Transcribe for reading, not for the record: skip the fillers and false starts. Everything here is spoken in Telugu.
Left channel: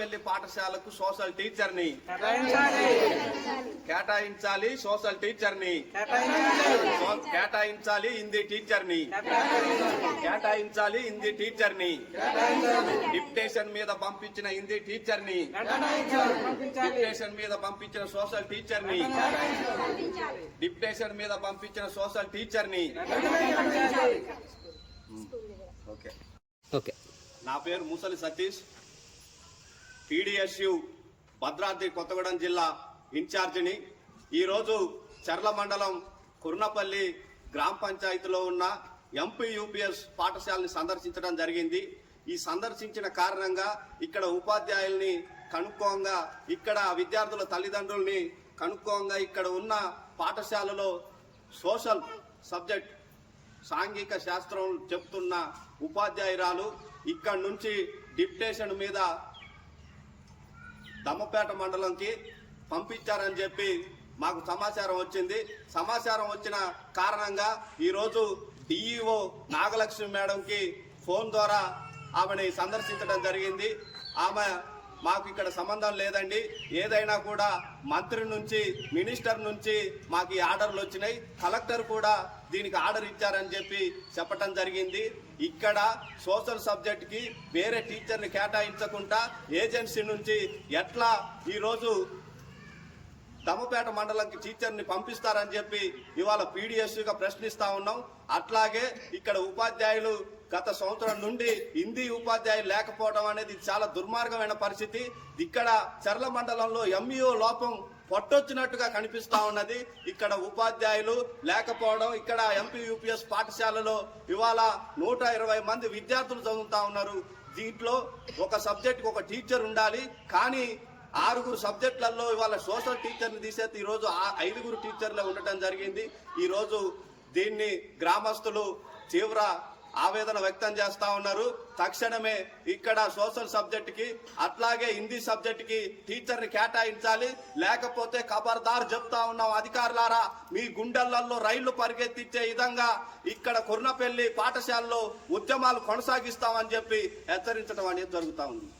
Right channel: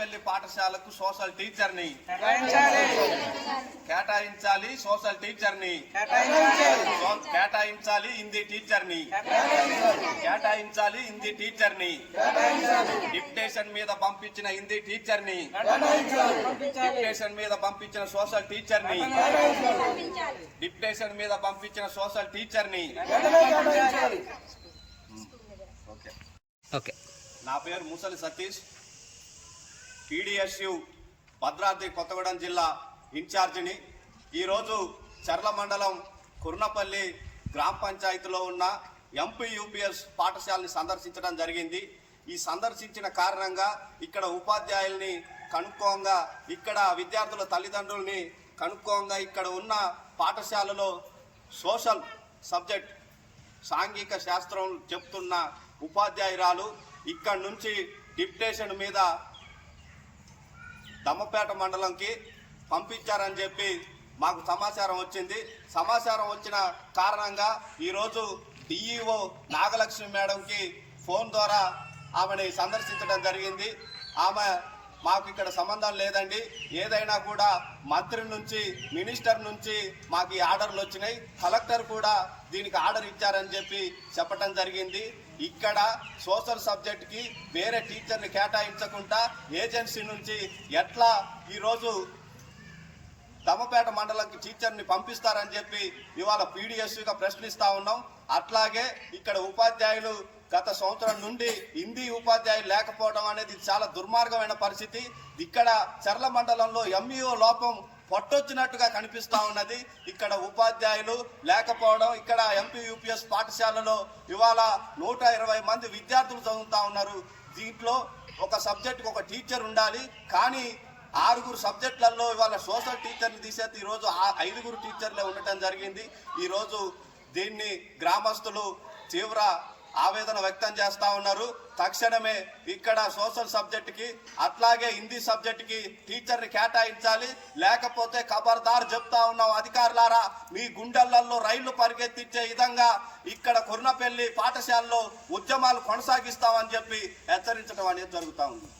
పెళ్లి పాఠశాలకు సోషల్ టీచర్ని కేటాయించాలి, సోషల్ టీచర్ని కేటాయించాలి, హిందీ టీచర్ని కేటాయించాలి, హిందీ టీచర్ని డిప్యుటేషన్ మీద పంపించిన హిందీ టీచర్ని డిప్యుటేషన్ మీద పంపించిన సోషల్ టీచర్ని డిప్యుటేషన్ మీద పంపించిన సోషల్ టీచర్ని ఓకే ఓకే. నా పేరు ముసలి సతీష్, PDSU భద్రాద్రి కొత్తగూడెం జిల్లా ఇన్ఛార్జిని. ఈరోజు చర్ల మండలం కుర్నపల్లి గ్రామ పంచాయతీలో ఉన్న MPUPS పాఠశాలని సందర్శించడం జరిగింది. ఈ సందర్శించిన కారణంగా ఇక్కడ ఉపాధ్యాయుల్ని కనుక్కోంగా, ఇక్కడ విద్యార్థుల తల్లిదండ్రుల్ని కనుక్కోంగా, ఇక్కడ ఉన్న పాఠశాలలో సోషల్ సబ్జెక్ట్ సాంఘిక శాస్త్రం చెప్తున్న ఉపాధ్యాయురాలు ఇక్కడి నుంచి డిప్యుటేషన్ మీద దమ్మపేట మండలంకి పంపించారని చెప్పి మాకు సమాచారం వచ్చింది. సమాచారం వచ్చిన కారణంగా ఈరోజు DEO నాగలక్ష్మి మేడంకి ఫోన్ ద్వారా ఆమెని సందర్శించడం జరిగింది. ఆమె మాకు ఇక్కడ సంబంధం లేదండి, ఏదైనా కూడా మంత్రి నుంచి, మినిస్టర్ నుంచి మాకు ఈ ఆర్డర్లు వచ్చినాయి, కలెక్టర్ కూడా దీనికి ఆర్డర్ ఇచ్చారని చెప్పి చెప్పటం జరిగింది. ఇక్కడ సోషల్ సబ్జెక్ట్కి వేరే టీచర్ని కేటాయించకుండా ఏజెన్సీ నుంచి ఎట్లా ఈరోజు దమ్మపేట మండలంకి టీచర్ని పంపిస్తారని చెప్పి ఇవాళ PDSUగా ప్రశ్నిస్తా ఉన్నాం. అట్లాగే ఇక్కడ ఉపాధ్యాయులు గత సంవత్సరం నుండి హిందీ ఉపాధ్యాయులు లేకపోవడం అనేది చాలా దుర్మార్గమైన పరిస్థితి. ఇక్కడ చర్ల మండలంలో MUO లోపం పొట్టొచ్చినట్టుగా కనిపిస్తా ఉన్నది. ఇక్కడ ఉపాధ్యాయులు లేకపోవడం, ఇక్కడ MPUPS పాఠశాలలో ఇవాళ 120 మంది విద్యార్థులు చదువుతా ఉన్నారు. దీంట్లో ఒక సబ్జెక్టుకి ఒక టీచర్ ఉండాలి, కానీ 6 సబ్జెక్టులలో ఇవాళ సోషల్ టీచర్ని తీసేది ఈరోజు 5 టీచర్లే ఉండటం జరిగింది. ఈరోజు దీన్ని గ్రామస్తులు తీవ్ర ఆవేదన వ్యక్తం చేస్తా ఉన్నారు. తక్షణమే ఇక్కడ సోషల్ సబ్జెక్టుకి అట్లాగే హిందీ సబ్జెక్టుకి టీచర్ని కేటాయించాలి, లేకపోతే ఖబర్దార్ చెప్తా ఉన్నాం అధికారులారా, మీ గుండెలలో రైళ్లు పరిగెత్తించే విధంగా ఇక్కడ కుర్నపల్లి పాఠశాలలో ఉద్యమాలు కొనసాగిస్తామని చెప్పి హెచ్చరించడం అనేది జరుగుతూ ఉంది.